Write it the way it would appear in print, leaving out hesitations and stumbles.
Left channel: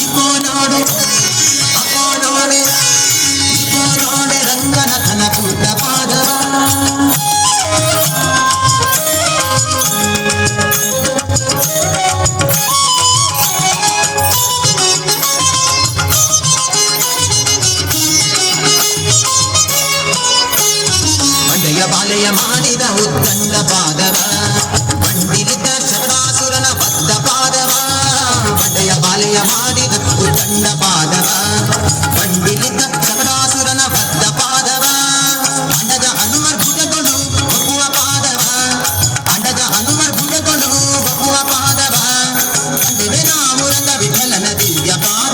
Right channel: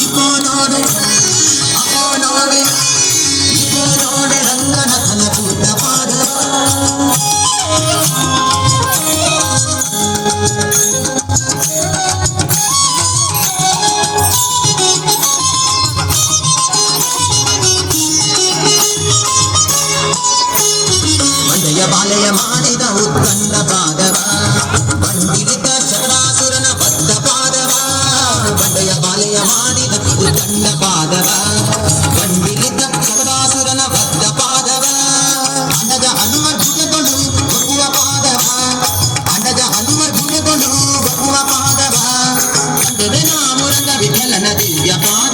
eco ನೋಡೆ ಅಕೋ ನೋಡೆ eco ನೋಡೆ ರಂಗನಥನ ಕೂಟ ಪಾದವ ಮಂಡೆಯ ಬಾಲೆಯ ಮಾಡಿದ ಉದ್ದಂಡ ಪಾದವ ಬಂಡಿಲಿದ್ದ ಶಬರಾಸುರನ ಬದ್ಧ ಪಾದವ ಬಂಡೆಯ ಬಾಲೆಯ ಮಾಡಿದ ಉದ್ದಂಡ ಪಾದವ ಬಂಡಿಲಿದ್ದ ಶಬರಾಸುರನ ಬದ್ಧ ಪಾದವ ಅಂಡದ ಹನುಮರ್ ಭುಜಗಳು ಬಗುವ ಪಾದವ ಅಂಡದ ಹನುಮರ್ ಭುಜಗಳು ಬಗುವ ಪಾದವ ಅಂದೆವೆ ನಾಮುರಂಗ ವಿಠಲನ ದಿವ್ಯ ಪಾದ